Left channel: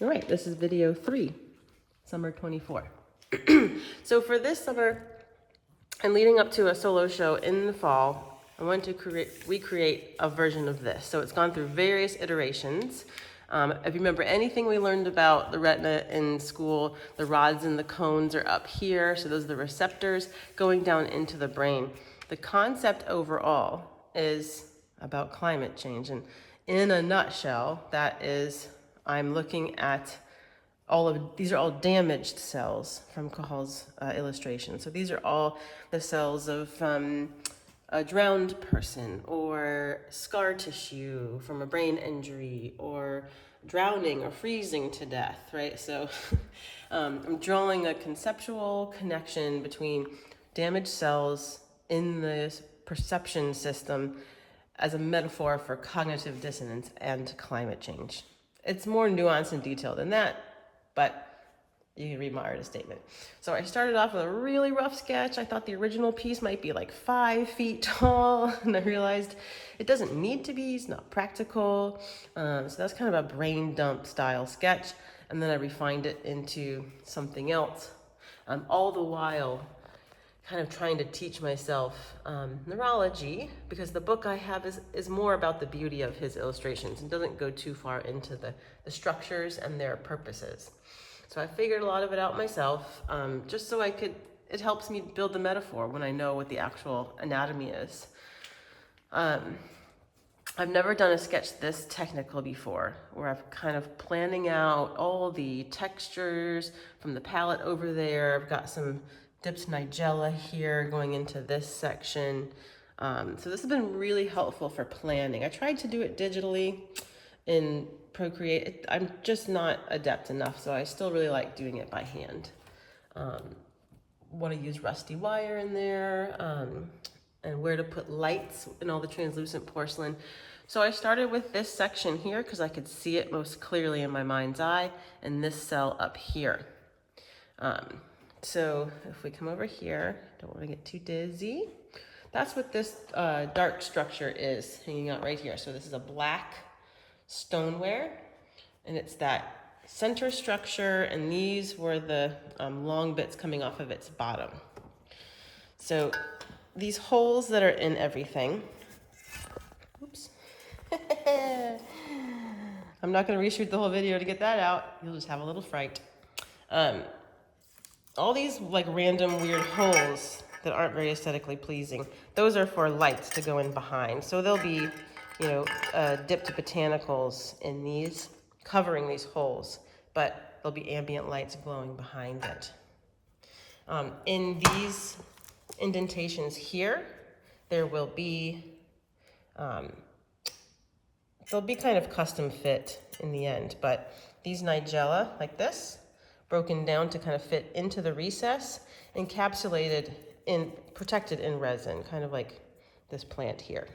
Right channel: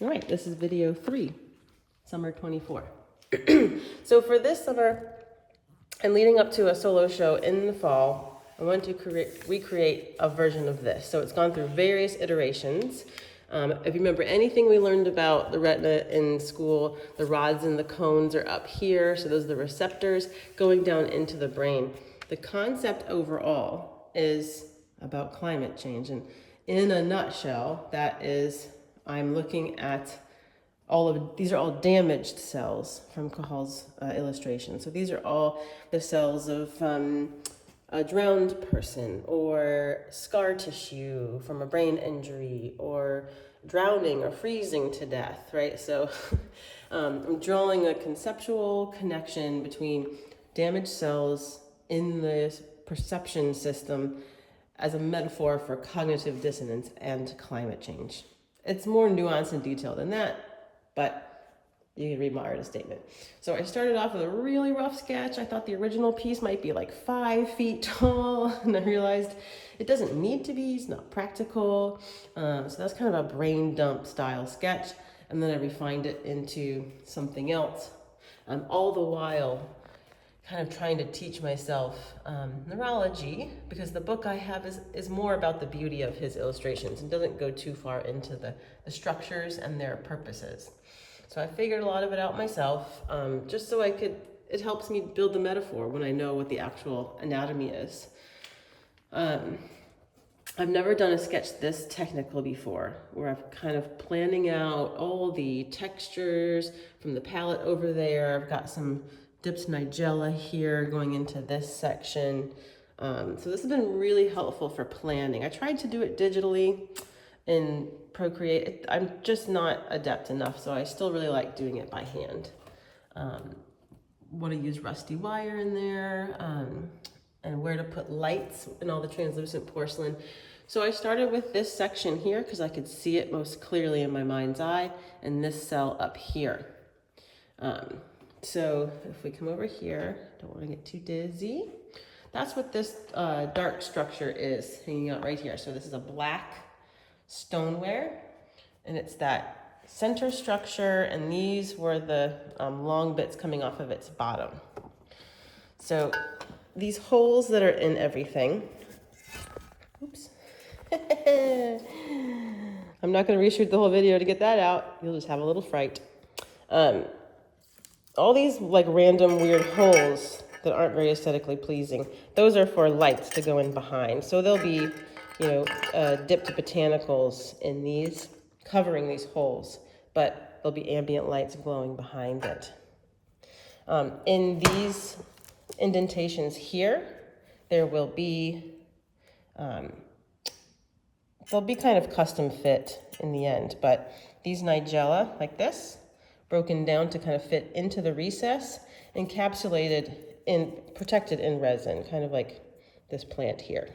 All right, this is video 3, summer 24. So for this summer and leading up to a solo show in the fall, I wanted to recreate a version of this. So it's gone through various iterations. If you remember anything we learned about the retina in school, the rods and the cones are up here. So those are the receptors going down into the brain. The concept overall is about climate change. And in a nutshell, that is, I'm looking at these are all damaged cells from Cajal's illustration. So these are all the cells of a drowned person, or scar tissue from a brain injury, or drowning or freezing to death, right? So I'm drawing a conceptual connection between damaged cells in this perception system as a metaphor for cognitive dissonance and climate change. It's more nuanced and detailed than that, but you can read my artist statement. So I started off with a really rough sketch. I thought the original piece might be like 5 feet tall, and I realized it doesn't need to be, it's not practical. So that's kind of a brain dump style sketch, and then I refined it into something else. All the while kind of trying to teach myself neurology, because the book I have is more about the beauty of his illustrations and doesn't go too far into the structures and their purposes. So I figured a lot of it out myself, just so it helps me build the metaphor when I know what the actual anatomy is. I've never done a sketch this technical before, where I've kind of planning out all the textures from the palette over there. I've got some dipped nigella here going into this section. So this has been really helpful for planning. I tried to do it digitally in Procreate. I'm just not adept enough, so I still really like doing it by hand. Want to use rusty wire in there, and where to put lights in all the translucent porcelain. So I started with this section here because I could see it most clearly in my mind's eye, and this cell up here. So if we come over here, don't want to get too dizzy. That's what this dark structure is hanging out right here. So this is a black stoneware, and it's that center structure, and these were the long bits coming off of its bottom. So these holes that are in everything, oops. I'm not going to reshoot the whole video to get that out. You'll just have a little fright. All these like random weird holes that aren't very aesthetically pleasing, those are for lights to go in behind. So there'll be, dipped botanicals in these, covering these holes, but there'll be ambient lights glowing behind it. In these indentations here, there will be, they'll be kind of custom fit in the end, but these nigella, like this, broken down to kind of fit into the recess, encapsulated protected in resin, kind of like this plant here.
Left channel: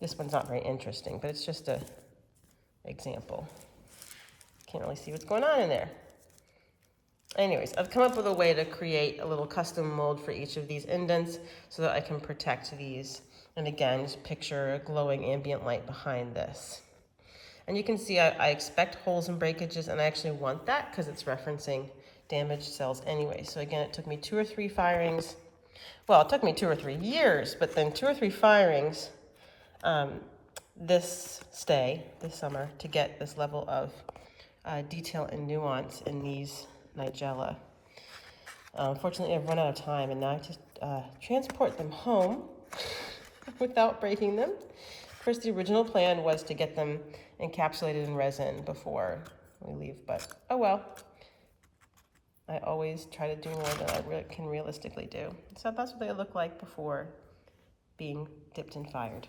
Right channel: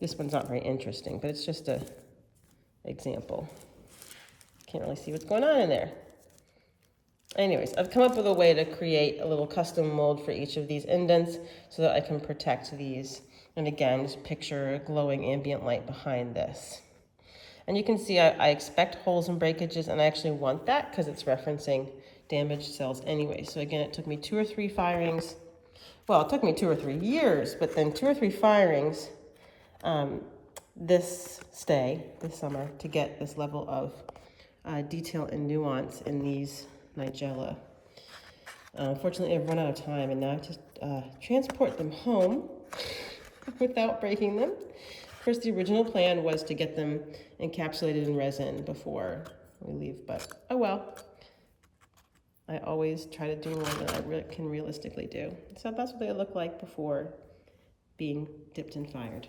This one's not very interesting, but it's just an example. Can't really see what's going on in there. Anyways, I've come up with a way to create a little custom mold for each of these indents so that I can protect these. And again, just picture a glowing ambient light behind this. And you can see I expect holes and breakages, and I actually want that because it's referencing damaged cells anyway. So again, it took me 2 or 3 firings. Well, it took me 2 or 3 years, but then 2 or 3 firings this summer to get this level of detail and nuance in these nigella. Unfortunately, I've run out of time, and now I have to transport them home without breaking them. Of course, the original plan was to get them encapsulated in resin before we leave, but oh well. I always try to do more than I can realistically do. So that's what they look like before being dipped and fired.